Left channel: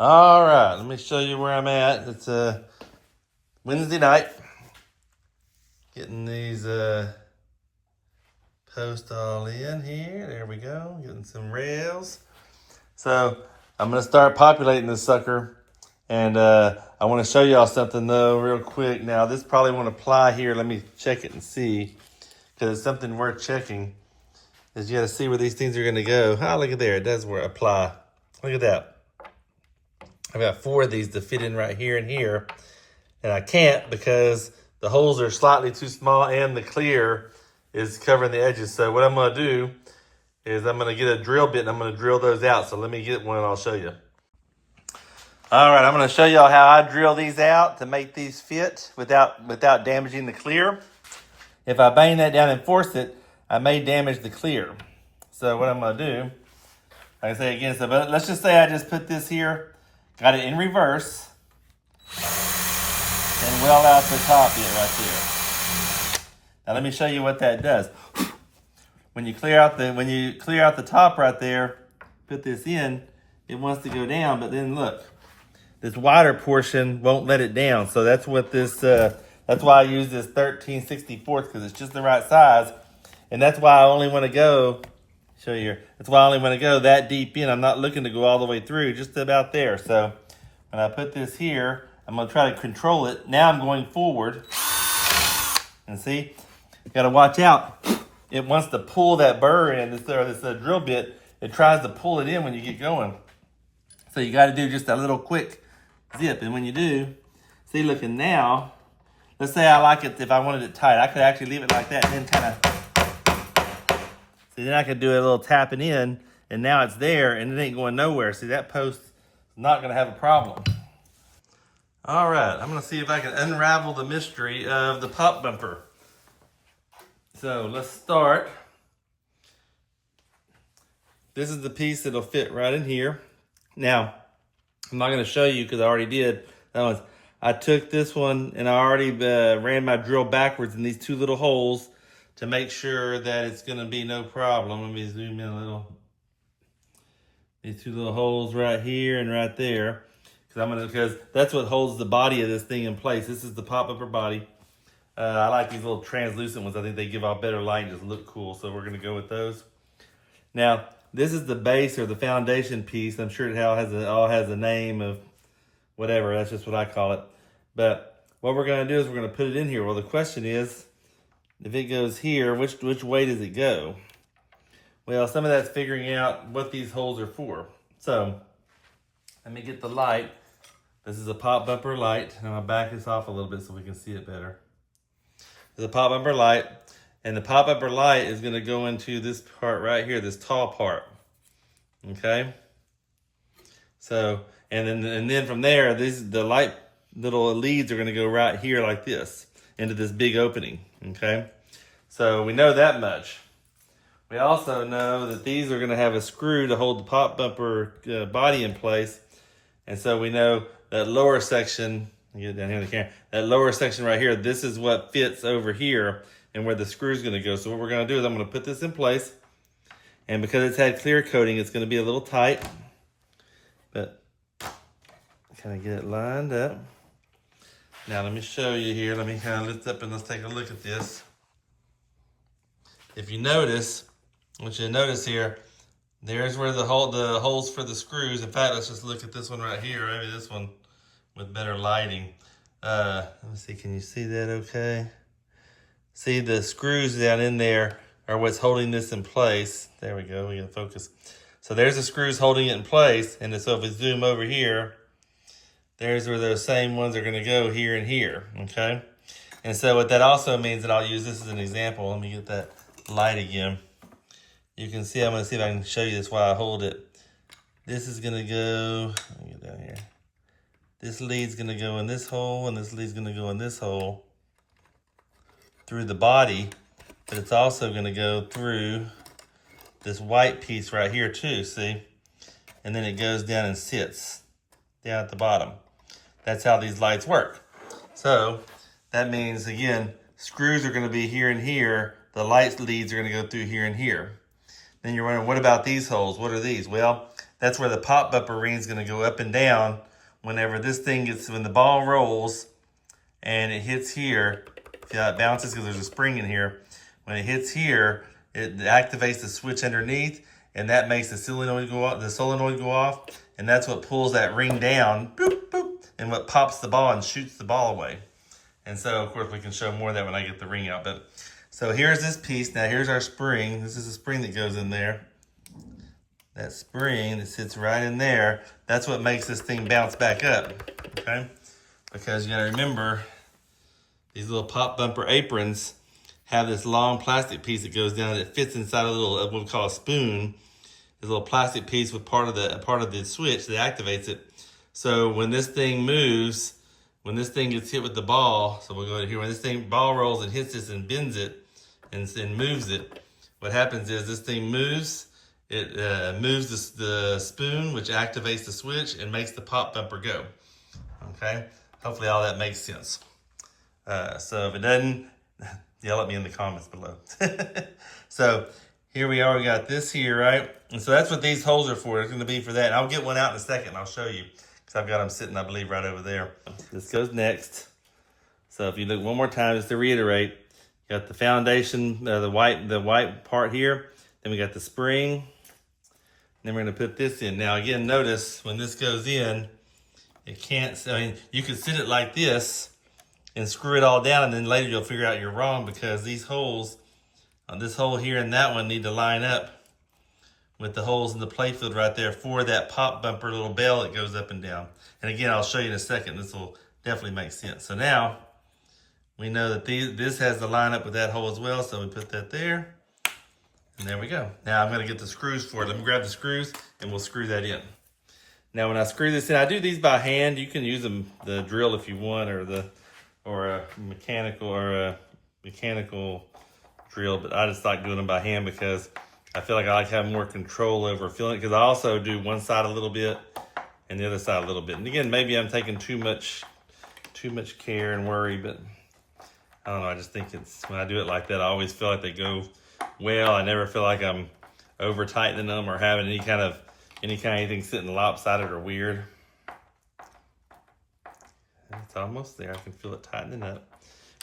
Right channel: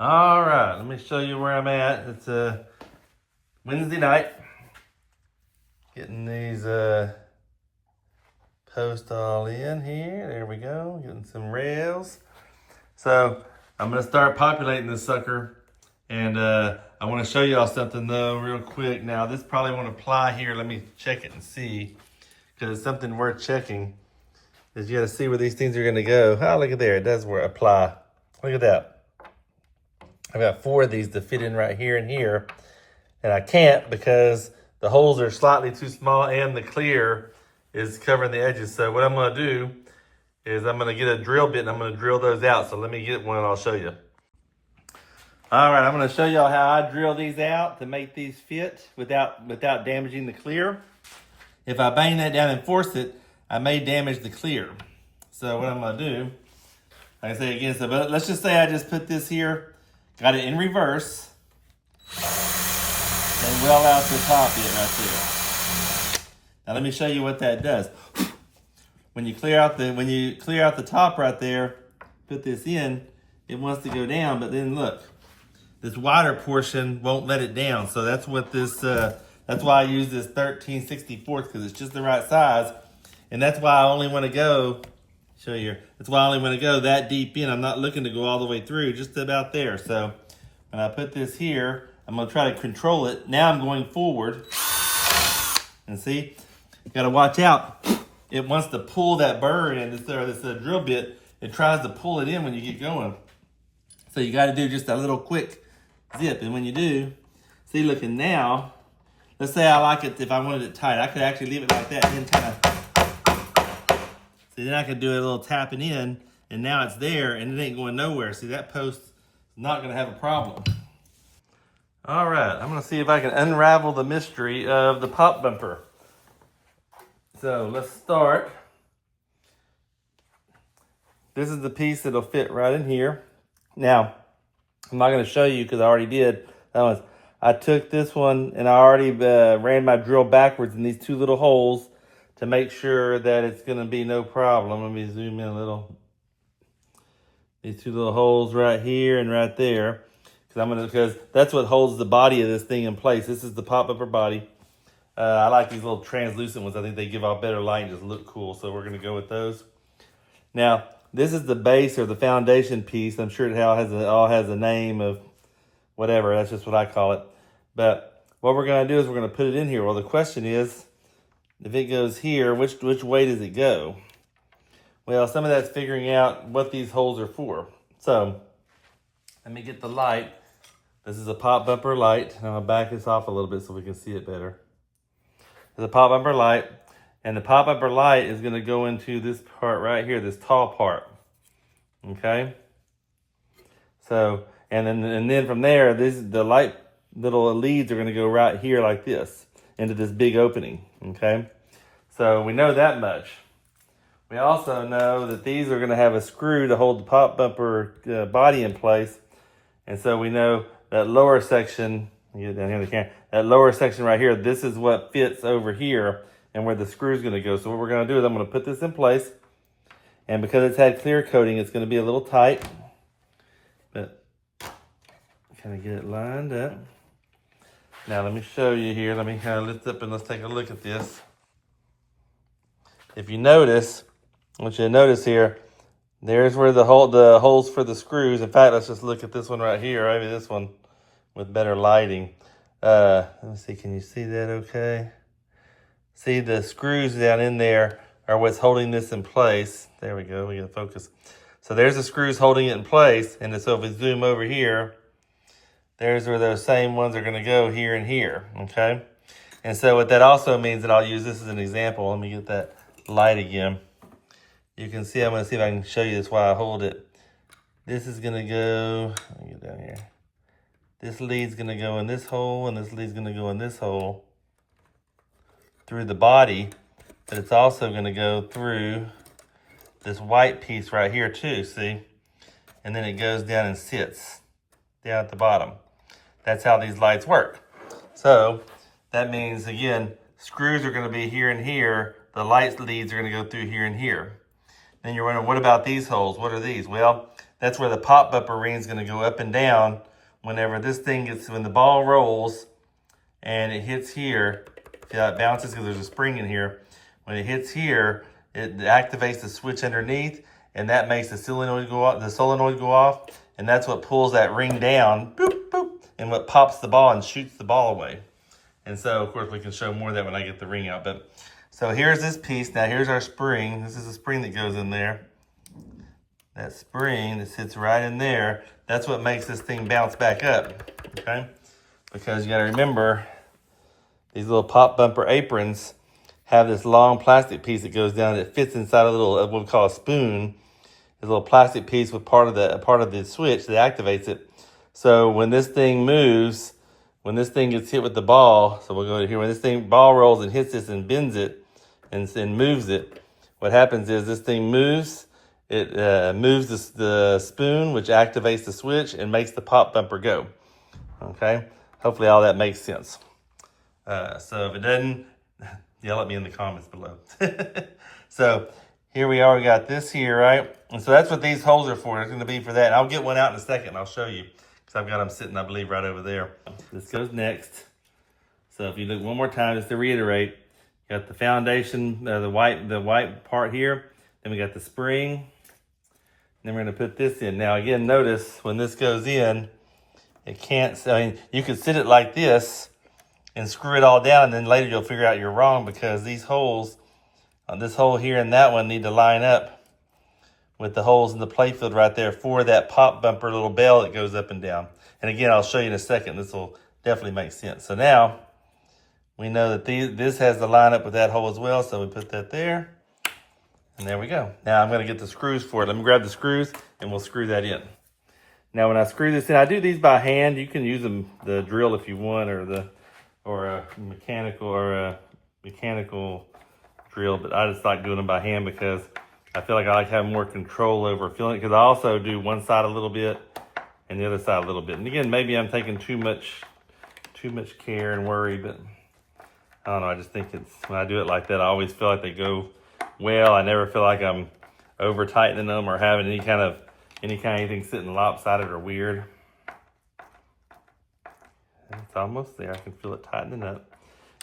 All right, let me show you where I'm at. It's Wednesday night. Getting these posts all in here. There we go. Getting some rails. So I'm gonna start populating this sucker, and I want to show y'all something though, real quick. Now this probably won't apply here. Let me check it and see, because it's something worth checking. Is you got to see where these things are gonna go. Oh, look at there. It does work. Apply. Look at that. I've got 4 of these to fit in right here and here. And I can't because the holes are slightly too small and the clear is covering the edges. So what I'm gonna do is I'm gonna get a drill bit and I'm gonna drill those out. So let me get one and I'll show you. All right, I'm gonna show y'all how I drill these out to make these fit without damaging the clear. If I bang that down and force it, I may damage the clear. So what I'm gonna do, like I say again, so but let's just say I just put this here, got it in reverse, and well out the top yet right there. Now let me show you what that does. When you clear out the top right there, put this in, it wants to go down, but then look, this wider portion won't let it down. So that's what this that's why I use this 13/64 because it's just the right size. And that's why I only want to go, show you here. That's why I only want to go that deep in. I'm not looking to go all the way through, just about there. So when I put this here, I'm gonna try to control it. Now I'm going forward. And see, you gotta watch out. It wants to pull that burr in, this drill bit. It tries to pull it in when you get going. So you gotta do just a little quick zip. And when you do, see, looking now, let's say I like it, if I wanted it tight, I could actually leave it like that and then kind of, see, then I could do a little tapping in and now it's there and it ain't going nowhere. See, that post is not gonna have a problem. All right, I'm gonna see if I can unravel the mystery of the pop bumper. So let's start. This is the piece that'll fit right in here. Now, I'm not gonna show you because I already did. I took this one and I already ran my drill backwards in these 2 little holes to make sure that it's gonna be no problem. Let me zoom in a little. These 2 little holes right here and right there. Because that's what holds the body of this thing in place. This is the pop bumper body. I like these little translucent ones. I think they give off better light and just look cool. So we're gonna go with those. Now, this is the base or the foundation piece. I'm sure it all has a name of whatever. That's just what I call it. But what we're gonna do is we're gonna put it in here. Well, the question is, if it goes here, which way does it go? Well, some of that's figuring out what these holes are for. So let me get the light. This is a pop bumper light. I'm gonna back this off a little bit so we can see it better. There's a pop bumper light, and the pop bumper light is gonna go into this part right here, this tall part. Okay. So, and then from there, the light little leads are gonna go right here like this into this big opening. Okay. So we know that much. We also know that these are gonna have a screw to hold the pop bumper body in place, and so we know that lower section. Get down here in the camera. That lower section right here, this is what fits over here and where the screw is going to go. So what we're going to do is I'm going to put this in place. And because it's had clear coating, it's going to be a little tight. But kind of get it lined up. Now let me show you here. Let me kind of lift up and let's take a look at this. If you notice, what you notice here, there's where the holes for the screws. In fact, let's just look at this one right here. Maybe this one with better lighting. Let me see, can you see that okay? See, the screws down in there are what's holding this in place. There we go, we gotta focus. So there's the screws holding it in place, and so if we zoom over here, there's where those same ones are gonna go, here and here, okay? And so what that also means, that I'll use this as an example. Let me get that light again. You can see, I'm gonna see if I can show you this while I hold it. This is gonna go, let me get down here. This lead's gonna go in this hole, and this lead's gonna go in this hole through the body, but it's also gonna go through this white piece right here too, see? And then it goes down and sits down at the bottom. That's how these lights work. So that means, again, screws are gonna be here and here, the light leads are gonna go through here and here. Then you're wondering, what about these holes? What are these? Well, that's where the pop bumper ring is going to go up and down whenever when the ball rolls and it hits here. See how it bounces because there's a spring in here. When it hits here, it activates the switch underneath, and that makes the solenoid go off, and that's what pulls that ring down, boop, boop, and what pops the ball and shoots the ball away. And so, of course, we can show more of that when I get the ring out. But so here's this piece. Now here's our spring. This is a spring that goes in there. That spring that sits right in there, that's what makes this thing bounce back up, okay? Because you gotta remember, these little pop bumper aprons have this long plastic piece that goes down that fits inside a little, what we call a spoon. This little plastic piece with part of the switch that activates it. So when this thing moves, when this thing gets hit with the ball, so we'll go to here, when this ball rolls and hits this and bends it and moves it, what happens is this thing moves, it moves the spoon, which activates the switch and makes the pop bumper go, okay? Hopefully all that makes sense. So if it doesn't, yell at me in the comments below. So here we are, we got this here, right? And so that's what these holes are for. It's gonna be for that. And I'll get one out in a second and I'll show you, because I've got them sitting, I believe, right over there. This goes next. So if you look one more time, just to reiterate, you got the foundation, the white part here. Then we got the spring. Then we're gonna put this in. Now again, notice when this goes in, it can't, I mean, you could sit it like this and screw it all down, and then later you'll figure out you're wrong, because these holes, this hole here and that one, need to line up with the holes in the playfield right there for that pop bumper little bell that goes up and down. And again, I'll show you in a second. This will definitely make sense. So now we know that this has to line up with that hole as well. So we put that there, and there we go. Now I'm gonna get the screws for it. Let me grab the screws and we'll screw that in. Now when I screw this in, I do these by hand. You can use the drill if you want, or a mechanical drill, but I just like doing them by hand because I feel like I like having more control over feeling it, because I also do one side a little bit and the other side a little bit. And again, maybe I'm taking too much care and worry, but I don't know. I just think when I do it like that, I always feel like they go well. I never feel like I'm over tightening them or having any kind of anything sitting lopsided or weird. And it's almost there. I can feel it tightening up.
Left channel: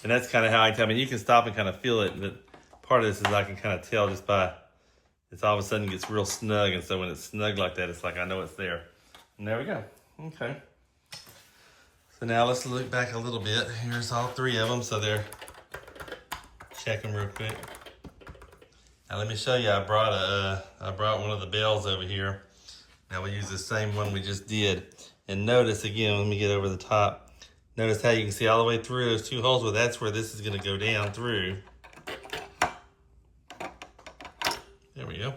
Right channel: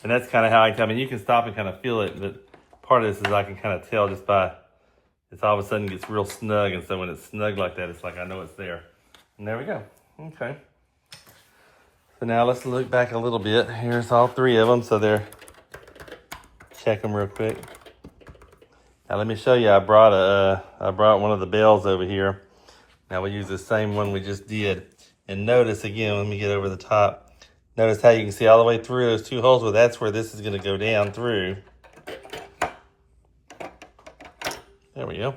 And that's kind of how I mean, you can stop and kind of feel it, but part of this is I can kind of tell just by, it's all of a sudden gets real snug, and so when it's snug like that, it's like I know it's there. And there we go. Okay. So now let's look back a little bit. Here's all three of them, so check them real quick. Now let me show you, I brought one of the bells over here. Now we use the same one we just did. And notice again, let me get over the top. Notice how you can see all the way through those two holes. Well, that's where this is gonna go down through. There we go.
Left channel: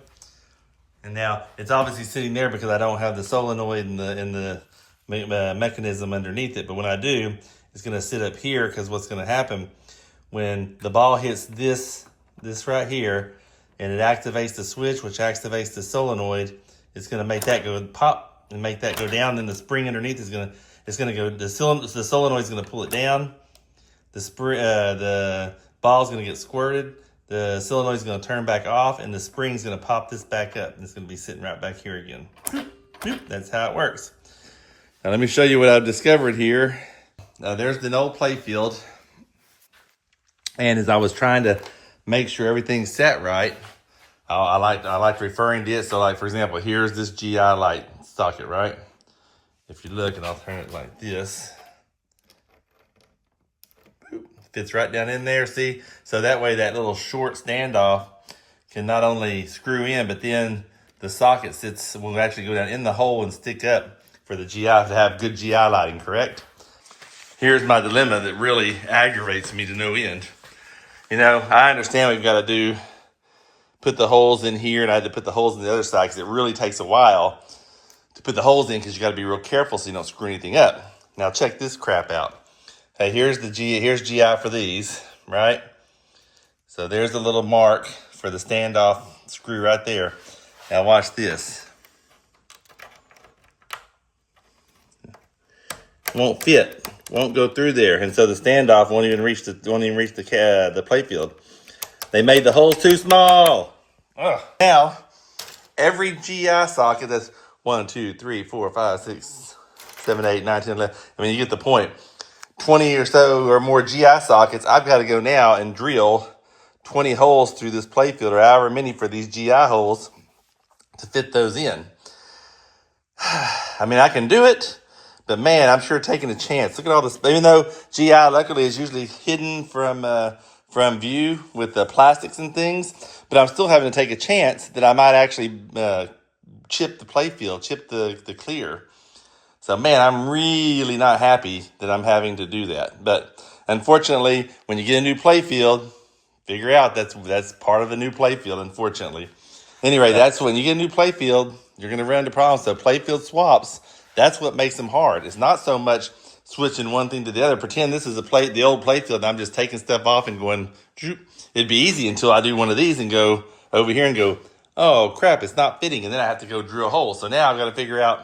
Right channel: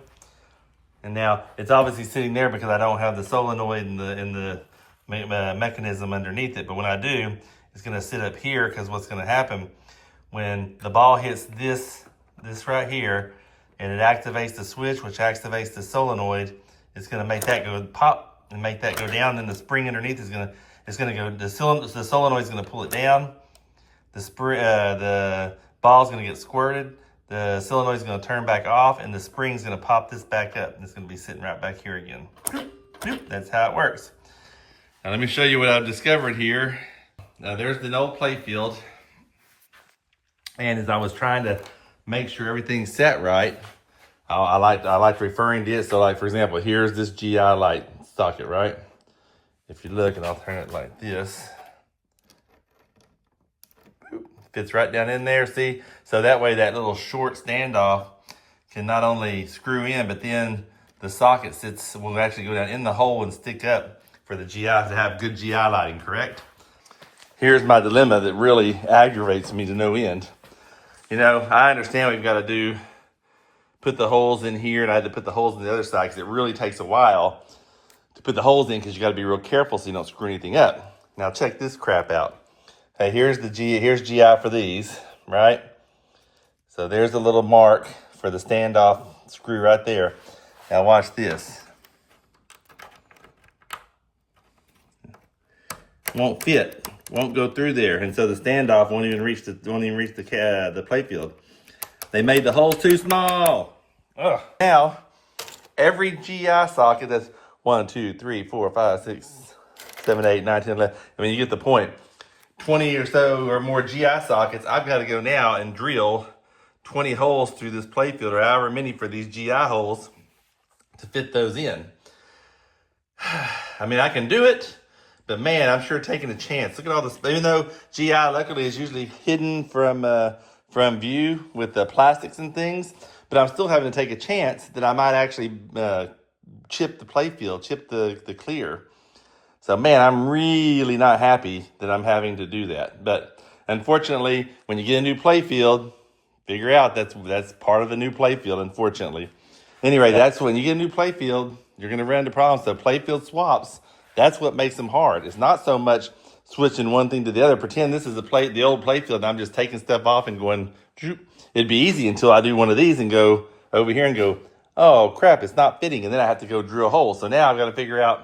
And now it's obviously sitting there because I don't have the solenoid and the mechanism underneath it. But when I do, it's gonna sit up here, because what's gonna happen when the ball hits this right here, and it activates the switch, which activates the solenoid, it's gonna make that go pop and make that go down. Then the spring underneath is gonna go. The solenoid is gonna pull it down. The ball's gonna get squirted. The solenoid is gonna turn back off, and the spring's gonna pop this back up. And it's gonna be sitting right back here again. That's how it works. Now let me show you what I've discovered here. Now there's the old playfield, and as I was trying to make sure everything sat right, I liked referring to it. So like, for example, here's this GI light socket, right? If you look, and I'll turn it like this, fits right down in there, see? So that way that little short standoff can not only screw in, but then the socket will actually go down in the hole and stick up for the GI to have good GI lighting, correct? Here's my dilemma that really aggravates me to no end. You know, I understand we've got to put the holes in here, and I had to put the holes in the other side because it really takes a while to put the holes in, because you got to be real careful so you don't screw anything up. Now check this crap out. Hey, here's GI for these, right? So there's the little mark for the standoff screw right there. Now watch this. Won't fit, won't go through there, and so the standoff won't even reach the playfield. They made the holes too small. Ugh. Now, every GI socket that's 1, 2, 3, 4, 5, 6, 7, 8, 9, 10, 11. I mean, you get the point. 20 or so or more GI sockets. I've got to go now and drill 20 holes through this playfield, or however many for these GI holes to fit those in. I mean, I can do it, but man, I'm sure taking a chance. Look at all this. Even though GI luckily is usually hidden from view with the plastics and things, but I'm still having to take a chance that I might actually chip the playfield, chip the clear. So man, I'm really not happy that I'm having to do that. But unfortunately, when you get a new playfield, figure out that's part of the new playfield, unfortunately. Anyway, that's when you get a new playfield, you're going to run into problems. So playfield swaps, that's what makes them hard. It's not so much switching one thing to the other. Pretend this is the old playfield, and I'm just taking stuff off and going, it'd be easy until I do one of these and go over here and go, oh crap, it's not fitting. And then I have to go drill a hole. So now I've got to figure out,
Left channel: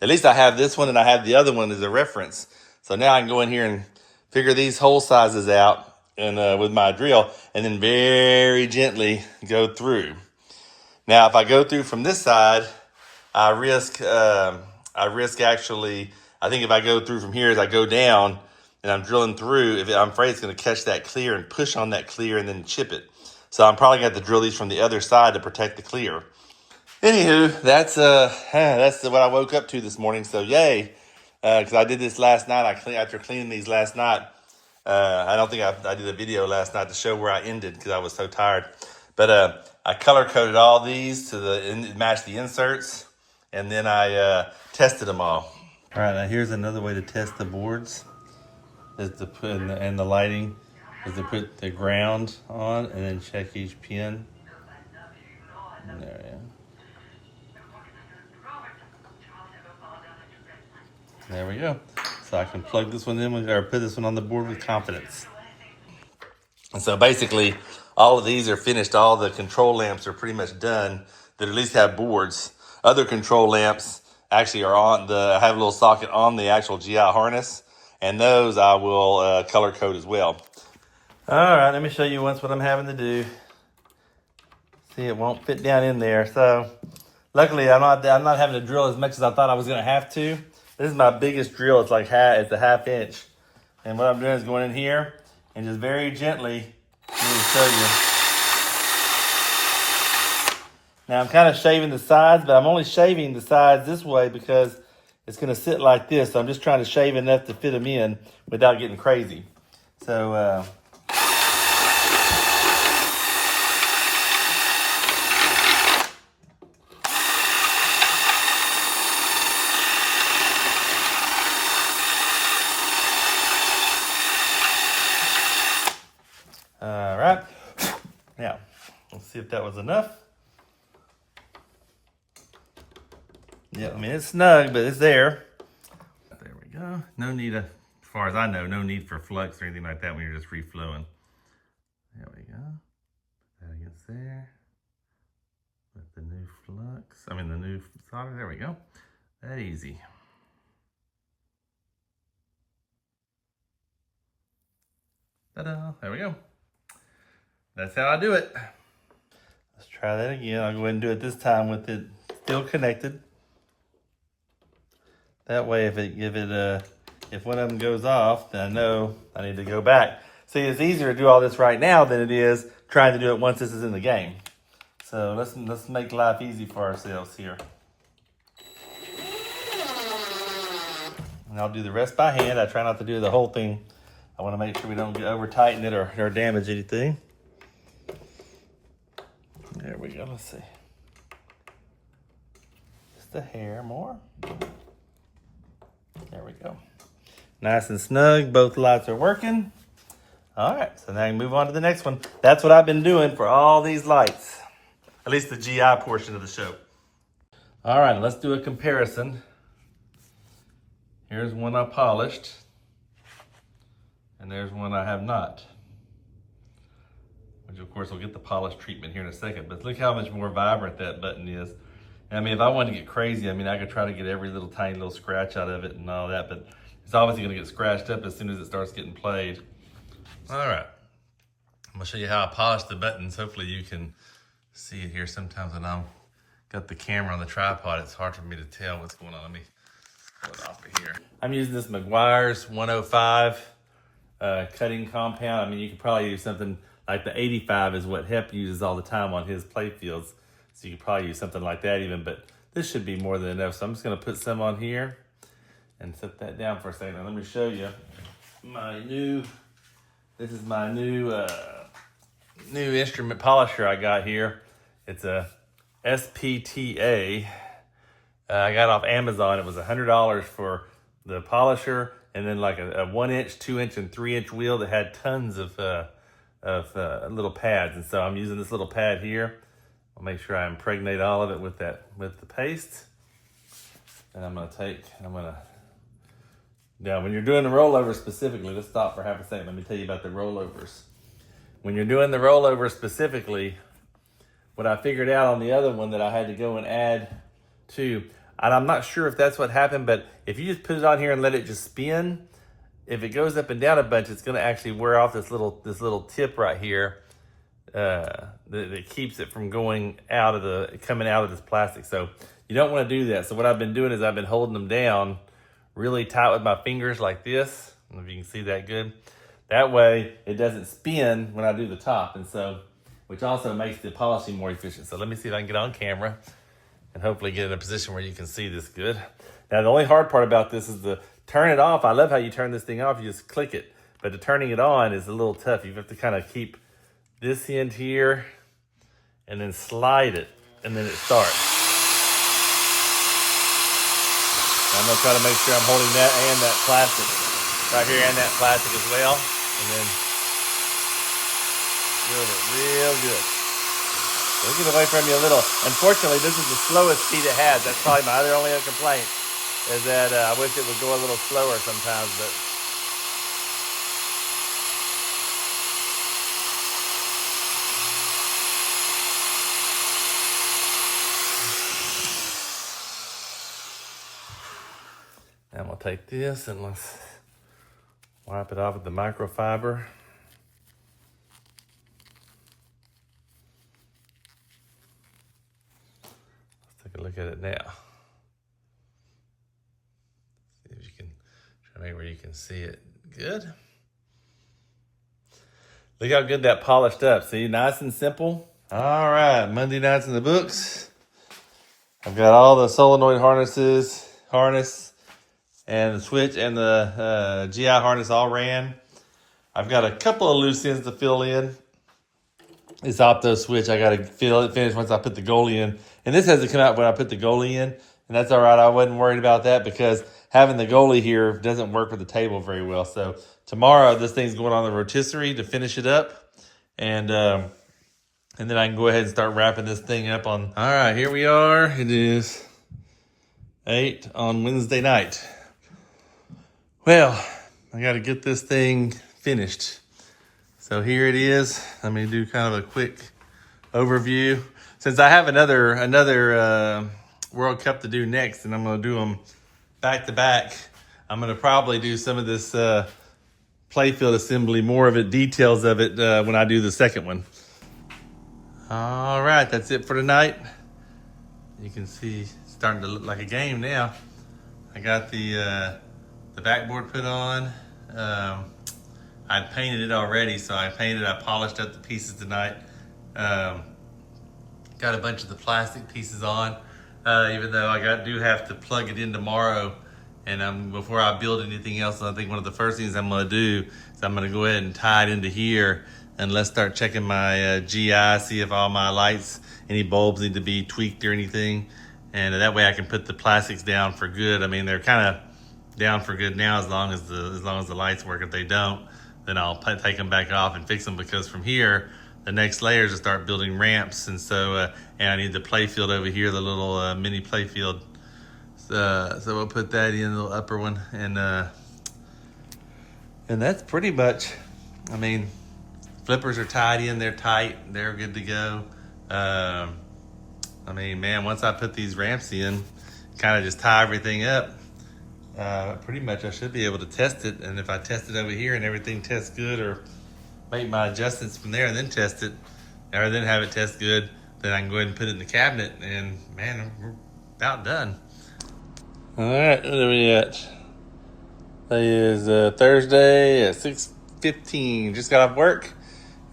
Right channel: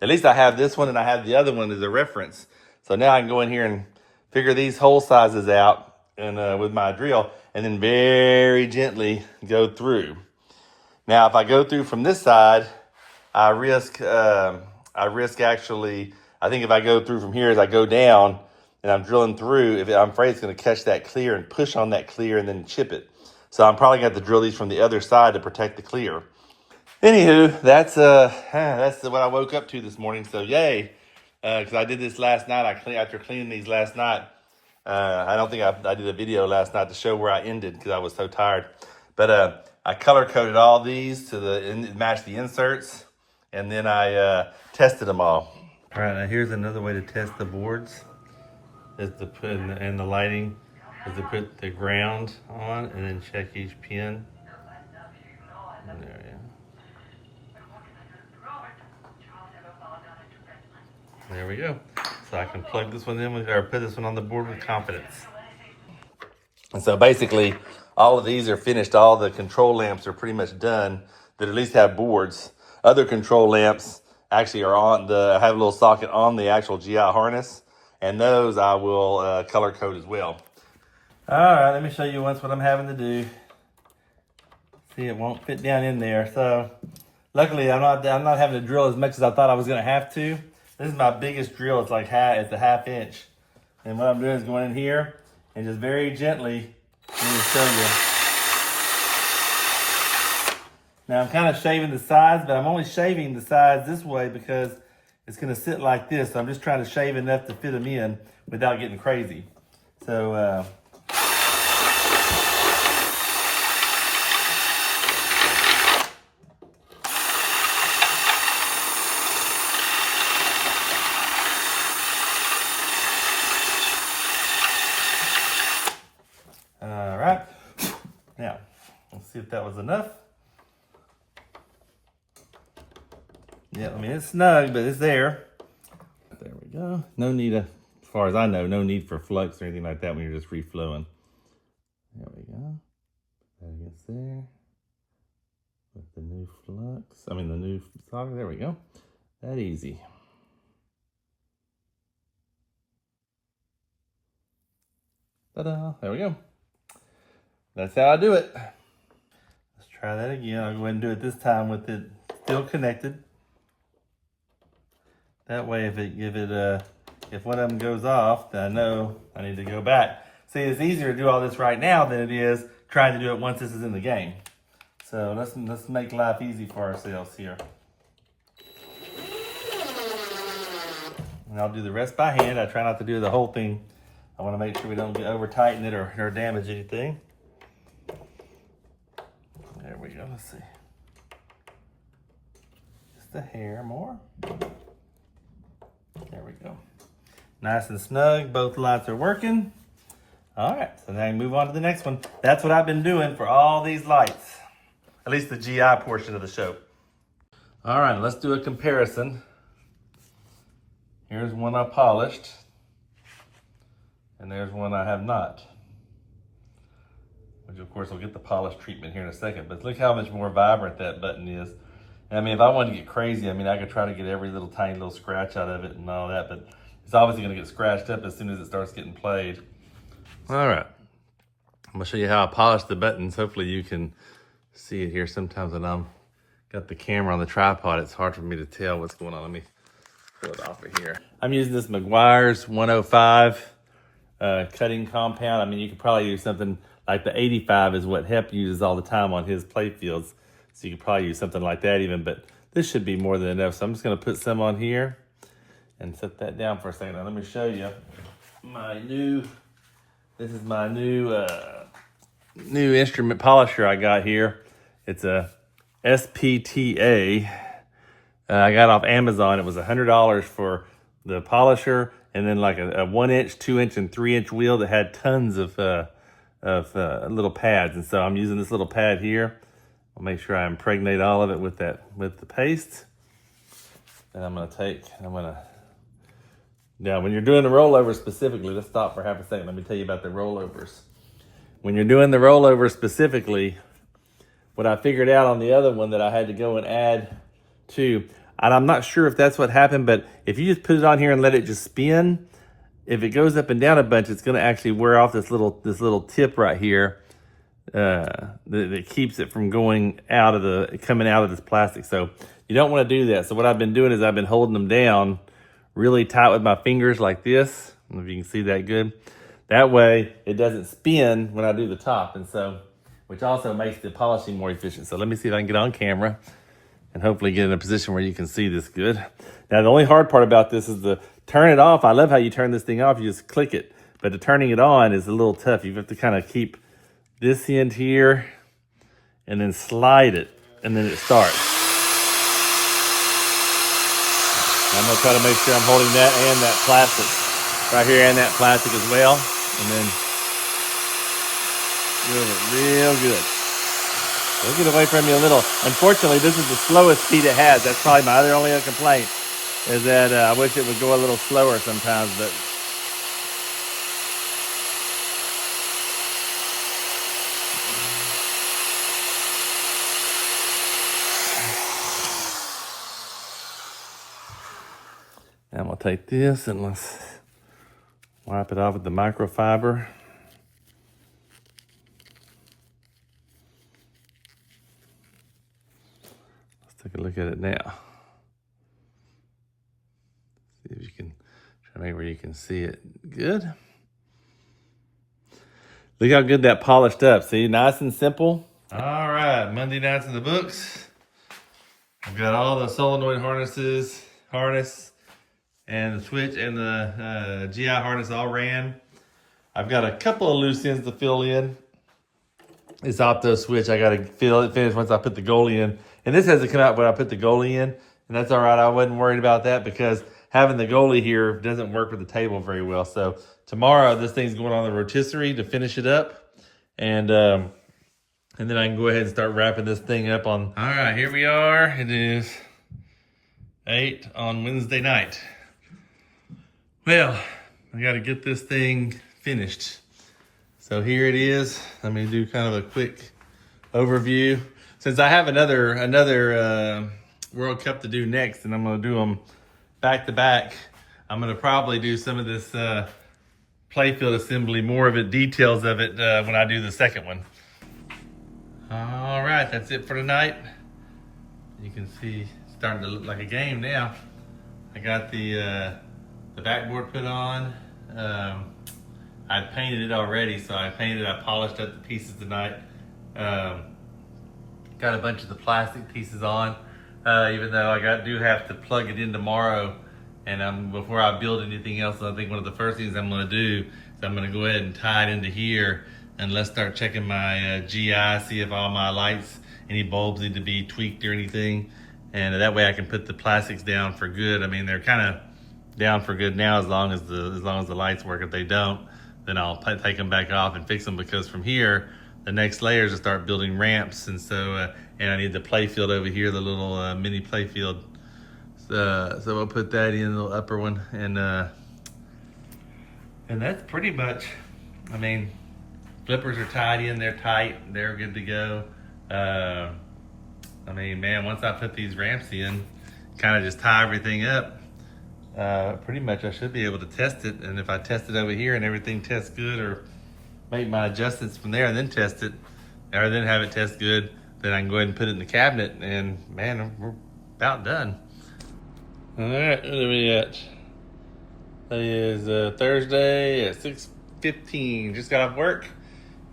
at least I have this one and I have the other one as a reference. So now I can go in here and figure these hole sizes out and with my drill, and then very gently go through. Now, if I go through from this side, I risk actually, I think if I go through from here as I go down and I'm drilling through, I'm afraid it's going to catch that clear and push on that clear and then chip it. So I'm probably going to have to drill these from the other side to protect the clear. Anywho, that's what I woke up to this morning. So yay, because I did this last night. After cleaning these last night. I don't think I did a video last night to show where I ended because I was so tired. But I color coded all these to match the inserts, and then I tested them all. All right, now here's another way to test the boards: is to put and the lighting is to put the ground on and then check each pin. And there we go. There we go. So I can plug this one in or put this one on the board with confidence. And so basically, all of these are finished. All the control lamps are pretty much done that at least have boards. Other control lamps actually are I have a little socket on the actual GI harness, and those I will color code as well. All right, let me show you once what I'm having to do. See, it won't fit down in there. So luckily, I'm not having to drill as much as I thought I was going to have to. This is my biggest drill. It's like it's a ½ inch. And what I'm doing is going in here and just very gently, let me show you. Now I'm kind of shaving the sides, but I'm only shaving the sides this way because it's going to sit like this. So I'm just trying to shave enough to fit them in without getting crazy. So, all right, now let's see if that was enough. Yeah, I mean, it's snug, but it's there. There we go. No need, as far as I know, no need for flux or anything like that when you're just reflowing. There we go. Put that against there. With the new flux, the new solder, there we go. That easy. Ta-da, there we go. That's how I do it. Let's try that again. I'll go ahead and do it this time with it still connected. That way, if one of them goes off, then I know I need to go back. See, it's easier to do all this right now than it is trying to do it once this is in the game. So let's make life easy for ourselves here. And I'll do the rest by hand. I try not to do the whole thing. I want to make sure we don't over tighten it or damage anything. There we go. Let's see. Just a hair more. There we go. Nice and snug. Both lights are working. All right, so now I can move on to the next one. That's what I've been doing for all these lights, at least the GI portion of the show. All right, let's do a comparison. Here's one I polished, and there's one I have not. Which of course will get the polish treatment here in a second, but look how much more vibrant that button is. I mean, if I wanted to get crazy, I could try to get every little tiny little scratch out of it and all that, but it's obviously gonna get scratched up as soon as it starts getting played. All right, I'm gonna show you how I polish the buttons. Hopefully you can see it here. Sometimes when I'm got the camera on the tripod. It's hard for me to tell what's going on. Let me pull it off of here. I'm using this Meguiar's 105 cutting compound. I mean, you could probably use something like the 85 is what Hep uses all the time on his playfields. So you could probably use something like that even, but this should be more than enough. So I'm just gonna put some on here and set that down for a second. Now let me show you my new, this is my new instrument polisher I got here. It's a SPTA. I got off Amazon. It was $100 for the polisher, and then like a 1 inch, 2 inch, and 3 inch wheel that had tons of little pads. And so I'm using this little pad here. I'll make sure I impregnate all of it with the paste. And now when you're doing the rollover specifically, let's stop for half a second. Let me tell you about the rollovers. When you're doing the rollover specifically, what I figured out on the other one that I had to go and add to, and I'm not sure if that's what happened, but if you just put it on here and let it just spin, if it goes up and down a bunch, it's gonna actually wear off this little tip right here that keeps it from coming out of this plastic. So you don't wanna do that. So what I've been doing is I've been holding them down really tight with my fingers like this. I don't know if you can see that good. That way it doesn't spin when I do the top, and so, which also makes the polishing more efficient. So let me see if I can get on camera and hopefully get in a position where you can see this good. Now the only hard part about this is to turn it off. I love how you turn this thing off, you just click it. But the turning it on is a little tough. You have to kind of keep this end here and then slide it, and then it starts. I'm gonna try to make sure I'm holding that and that plastic right here, and that plastic as well. And then real good. We're gonna wait for me a little. Unfortunately, this is the slowest speed it has. That's probably my only other complaint, is that I wish it would go a little slower sometimes, but now I'm gonna take this and let's wipe it off with the microfiber. Let's take a look at it now. See if you can try to make where you can see it good. Look how good that polished up. See, nice and simple. All right, Monday night's in the books. I've got all the solenoid harness and the switch and the GI harness all ran. I've got a couple of loose ends to fill in. This opto switch, I got to finish once I put the goalie in. And this has to come out when I put the goalie in. And that's all right. I wasn't worried about that because having the goalie here doesn't work with the table very well. So tomorrow, this thing's going on the rotisserie to finish it up. And then I can go ahead and start wrapping this thing up on. All right, here we are. It is 8 on Wednesday night. Well, I got to get this thing finished. So here it is. Let me do kind of a quick overview. Since I have another World Cup to do next, and I'm going to do them back to back, I'm going to probably do some of this Playfield assembly, more of it, details of it when I do the second one. All right, that's it for tonight. You can see it's starting to look like a game now. I got the backboard put on. I'd painted it already, so I polished up the pieces tonight. Got a bunch of the plastic pieces on, even though I do have to plug it in tomorrow. And before I build anything else, I think one of the first things I'm gonna do is I'm gonna go ahead and tie it into here, and let's start checking my GI, see if all my lights, any bulbs need to be tweaked or anything. And that way I can put the plastics down for good. I mean, they're kind of down for good now as long as the lights work. If they don't, then I'll take them back off and fix them, because from here, the next layer is to start building ramps. And so, and I need the playfield over here, the little mini playfield. So we'll put that in, the little upper one. And that's pretty much, I mean, flippers are tied in, they're tight, they're good to go. I mean, man, once I put these ramps in, kind of just tie everything up, pretty much I should be able to test it. And if I test it over here and everything tests good, or make my adjustments from there and then test it, or then have it test good, then I can go ahead and put it in the cabinet, and man, we're about done. All right, what are we at? Today is Thursday at 6:15. Just got off work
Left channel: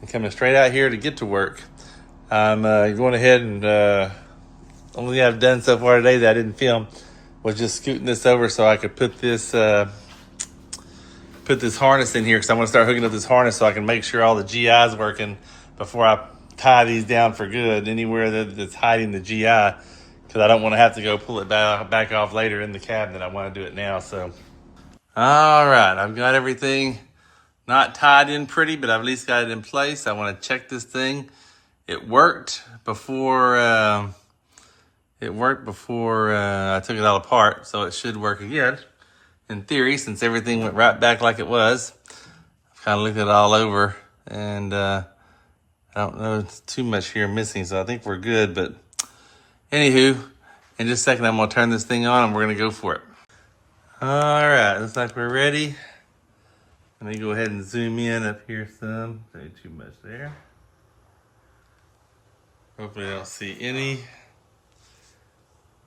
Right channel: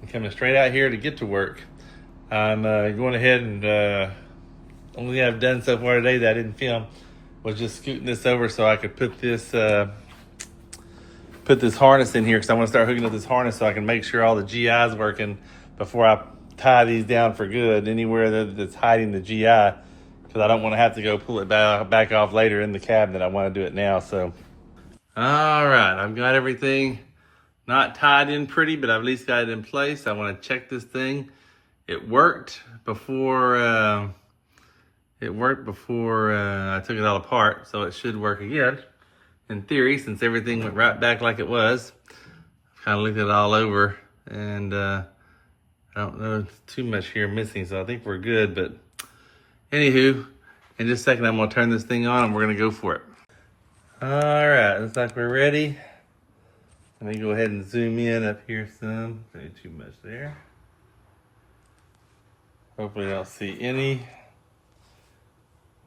and coming straight out here to get to work. I'm going ahead and only thing I've done so far today that I didn't film was just scooting this over so I could put this harness in here, because I want to start hooking up this harness so I can make sure all the GI is working before I tie these down for good anywhere that's hiding the GI, because I don't want to have to go pull it back off later in the cabinet. I want to do it now. So, all right, I've got everything not tied in pretty, but I've at least got it in place. I want to check this thing. It worked before I took it all apart, so it should work again in theory, since everything went right back like it was. I've kind of looked it all over, and I don't know, it's too much here missing, so I think we're good. But anywho, in just a second, I'm going to turn this thing on and we're going to go for it. All right, looks like we're ready. Let me go ahead and zoom in up here some. Ain't too much there. Hopefully I don't see any.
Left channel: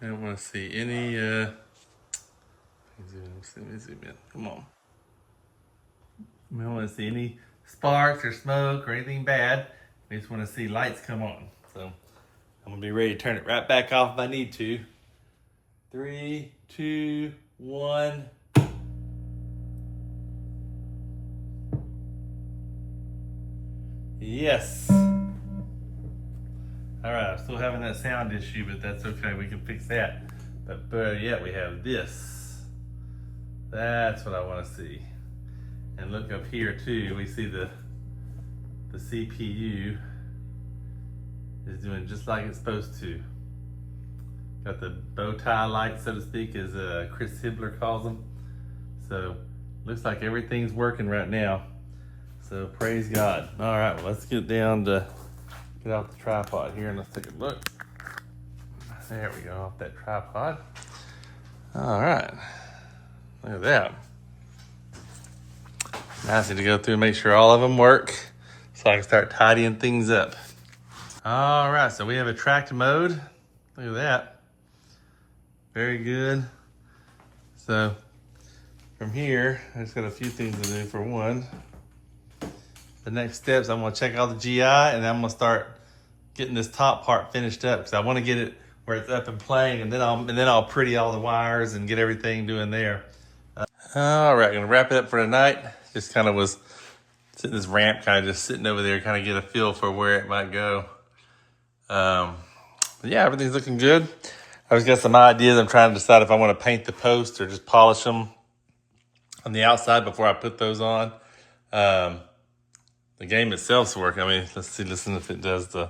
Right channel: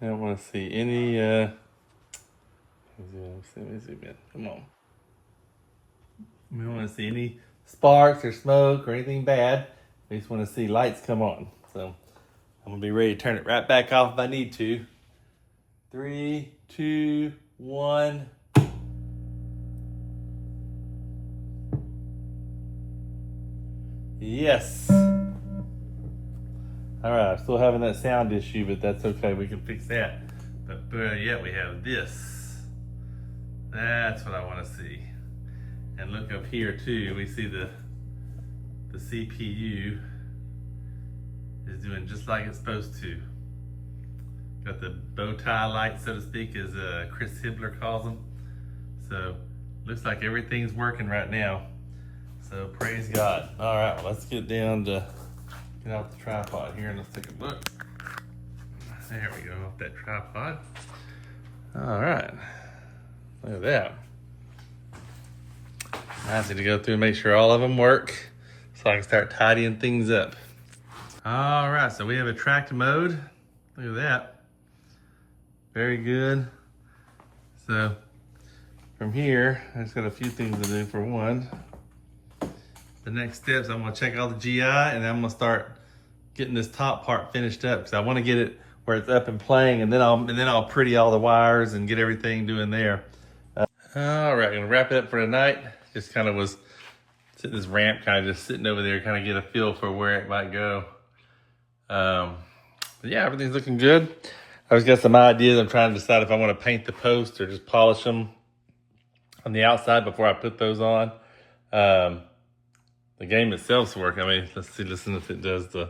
I don't want to see any, let me zoom in, come on. We don't want to see any sparks or smoke or anything bad. We just want to see lights come on. So I'm going to be ready to turn it right back off if I need to. 3, 2, 1. Yes. All right, I'm still having that sound issue, but that's okay. We can fix that. But better yet, we have this. That's what I want to see. And look up here too. We see the CPU is doing just like it's supposed to. Got the bow tie light, so to speak, as Chris Hibler calls them. So looks like everything's working right now. So praise God. All right, let's get down to get off the tripod here and let's take a look. There we go, off that tripod. All right, look at that. Now I need to go through and make sure all of them work so I can start tidying things up. All right, so we have a tracked mode. Look at that. Very good. So from here, I just got a few things to do. For one, the next steps, I'm gonna check all the GI, and then I'm gonna start getting this top part finished up, because I want to get it where it's up and playing, and then I'll pretty all the wires and get everything doing there. All right, gonna wrap it up for tonight. Just kind of was sitting this ramp, kind of just sitting over there, kind of get a feel for where it might go. But yeah, everything's looking good. I just got some ideas. I'm trying to decide if I want to paint the posts or just polish them on the outside before I put those on. The game itself's working. I mean, let's see, listen if it does the